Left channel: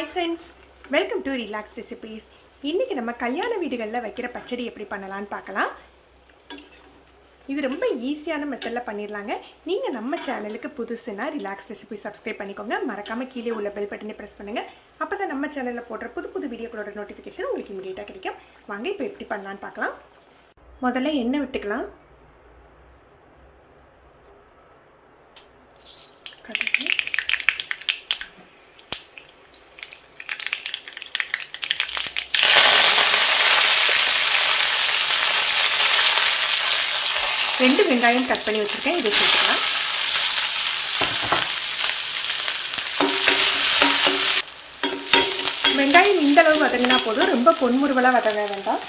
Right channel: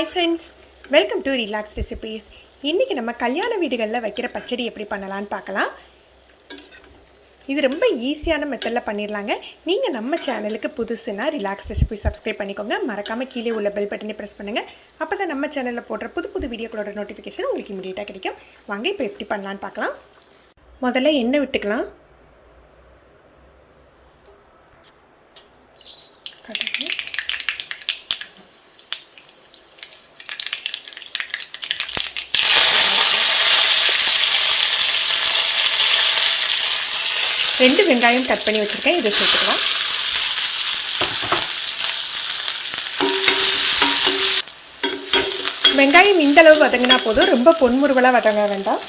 Hi friends, welcome to Relax Recipes. இன்னைக்கு நம்ம கல்யாண வீடுகளில் வைக்கிற பச்சடி எப்படி பண்ணலாம்னு பார்க்கலாம். இது ரொம்ப ஈஸியான மெத்தடில் பண்ணிடலாங்க. நீங்கள் நம்ம சேனலுக்கு புதுசுனா ரிலாக்ஸ் ரெசிபி சப்ஸ்கிரைப் பண்ணிக்கோங்க. மறக்காமல் கீழே உள்ள பெல் பட்டனை ப்ரெஸ் பண்ணுங்கள். அப்போ தான் நம்ம சேனலில் போடுற புது வீடியோக்களோட நோட்டிஃபிகேஷன் உங்களுக்கு இமீடியட்டாக கிடைக்கும். வாங்க இப்போ எப்படி பண்ணலான்னு பார்க்கலாம். முதல்ல எண்ணெய் விட்டுக்கலாம். ரெண்டு வெங்காயம் கட் பண்ணி வச்சுருக்கேன், இதை சேர்த்துக்கலாம். வெங்காயம் இந்தளவு வதங்கினா போதும், ரொம்ப பொன்முறுவலாக வதங்க வேண்டாம்.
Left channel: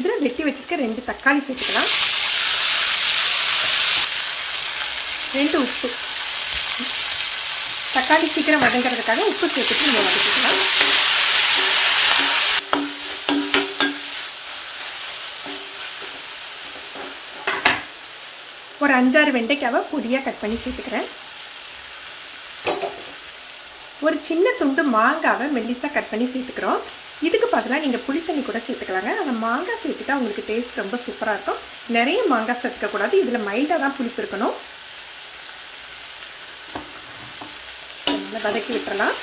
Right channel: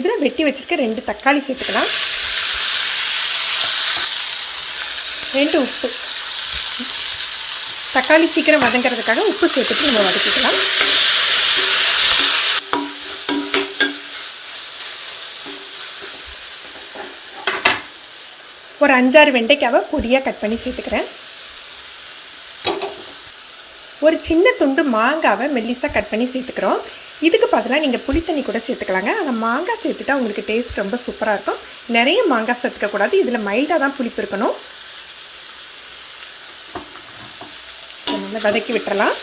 இதில் வெட்டி வச்சுருக்க 2 தக்காளி சேர்த்துக்கலாம். 2 உப்பு. தக்காளி சீக்கிரம் வதங்கிறதுக்காக உப்பு சேர்த்துட்டு நம்ம வதக்கிக்கலாம். ஒரு 5-6 வெண்டைக்காவை பொடியாக கட் பண்ணி சேர்த்துக்கிறேன். ஒரு சின்ன துண்டு மாங்காவை மெல்லிசாக கட் பண்ணி சேர்த்துக்கிறோம். இதுக்கு பதிலாக நீங்கள் புளித்தண்ணி கூட சேர்த்துக்கலாங்க. ஆனால் மாங்காய் சேர்த்துட்டா உங்களுக்கு டேஸ்ட் ரொம்ப சூப்பராக இருக்கும். நிறைய மாங்காய் சேர்த்துக்கக்கூடாது, இதில் மைல்டாக தான் புளிப்பு இருக்கணும். நல்லா வதக்கி விட்டுறலாம்.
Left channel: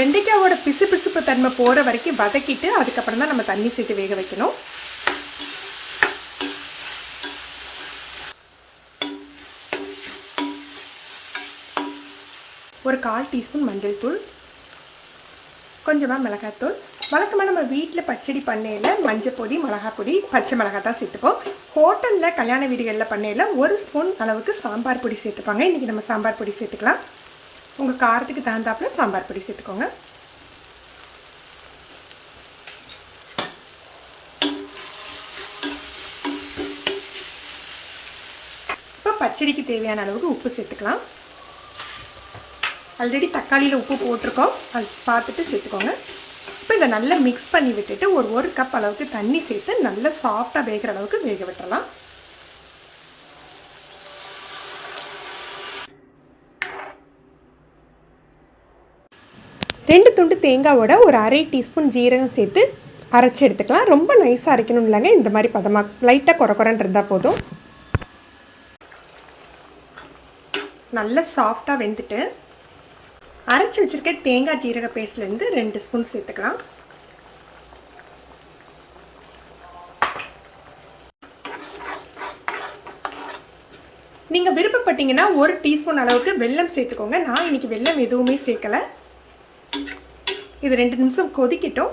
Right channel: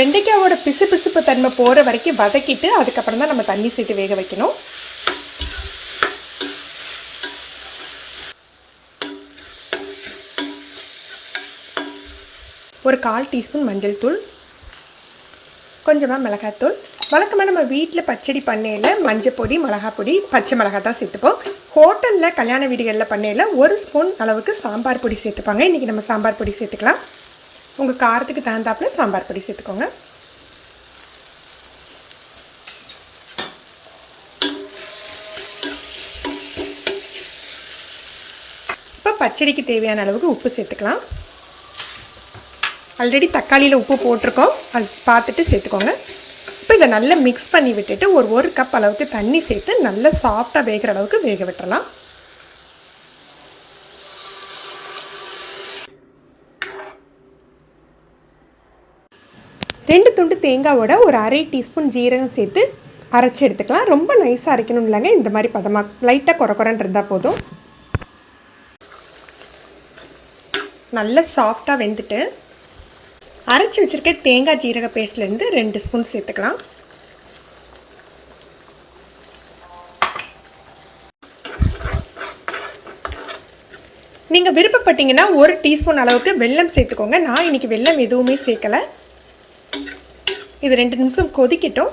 வெண்டைக்காவோட பிசுப்பு தன்மை போகிற வரைக்கும் வதக்கிட்டு அதுக்கப்புறம் தான் நம்ம தண்ணி சேர்த்து வேக வைக்கணும். ஒரு 1/4 டீஸ்பூன் மஞ்சள் தூள், கொஞ்சமாக மிளகாத்தூள். வழக்கமாக நம்ம வீட்டில் பச்சடி பண்ணையில் மஞ்சள் பொடி, மிளகாய் பொடி, பச்சை மிளகாய் தான் சேர்த்துப்போம். ஹோட்டலில் கல்யாண வீடுகளில் பண்ணையில் 1 ஸ்பூன் அளவுக்கு சாம்பார் பொடி சேர்த்துப்பாங்க. இன்றைக்கி நம்ம சாம்பார் பொடி சேர்த்துக்கலாம். உங்கள் காரத்துக்கு தகுந்தாப்பில் சாம்பார் பொடி சேர்த்துக்கோங்க. இப்போ பச்சடிக்கு தேவையான அளவுக்கு உப்பு சேர்த்துக்கலாம். ஆல்ரெடி தக்காளியில் உப்பு போட்டிருக்கோம், அது பார்த்துட்டு சேர்த்துக்கோங்க. இப்போ இதை நல்லா மிக்ஸ் பண்ணி விட்டுட்டு ஒரு கப் அளவுக்கு தண்ணி சேர்த்து நல்லா சாஃப்டாக வேகிற அளவுக்கு வேக விட்டுறலாம். ரெண்டு துண்டு தேங்காவோட ஒரு 1/2 டீஸ்பூன் ஜீரகம் சேர்த்து அரைச்சி எடுத்துக்கலாம். ரொம்ப நைஸாக அரைக்கணும் இல்லைங்க, இந்த மாதிரி பதமாக லைட்டாக குறைன்னு இருந்தால் போதும். நல்லா சாஃப்டாக வெந்துட்டு அரைச்சி வச்சுருக்க தேங்காய் ஜீரக பேஸ்ட்லேருந்து 2 ஸ்பூன் சேர்த்துக்கலாம். நீங்கள் விருப்பப்பட்டீங்கன்னா 1 டீஸ்பூன் அளவுக்கு வெல்லம் சேர்த்துக்கோங்க. நான் இன்றைக்கி வெல்லம் எதுவுமே சேர்க்கலை. இது 2 நிமிஷம் கொதிக்கட்டும்.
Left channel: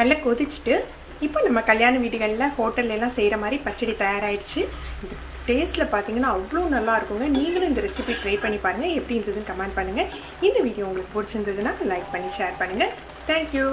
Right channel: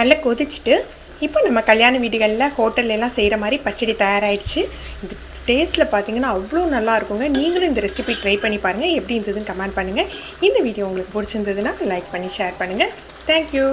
நல்லா கொதிச்சுட்டு இப்போ நம்ம கல்யாண வீடுகளில் ஹோட்டல்லாம் செய்கிற மாதிரி பச்சடி தயாராகிடுச்சு. இந்த டேஸ்ட்டில் பார்த்தீங்கன்னா அவ்வளோ நல்லா இருக்குங்க. நீங்களும் இந்த ரெசிபி ட்ரை பண்ணி பாருங்கள், எப்படி இருந்ததுன்னு கமெண்ட் பண்ணுங்கள். இந்த வீடியோ உங்களுக்கு பிடிச்சிருந்ததுன்னா லைக் பண்ணி ஷேர் பண்ணுங்கள். தேங்க்யூ.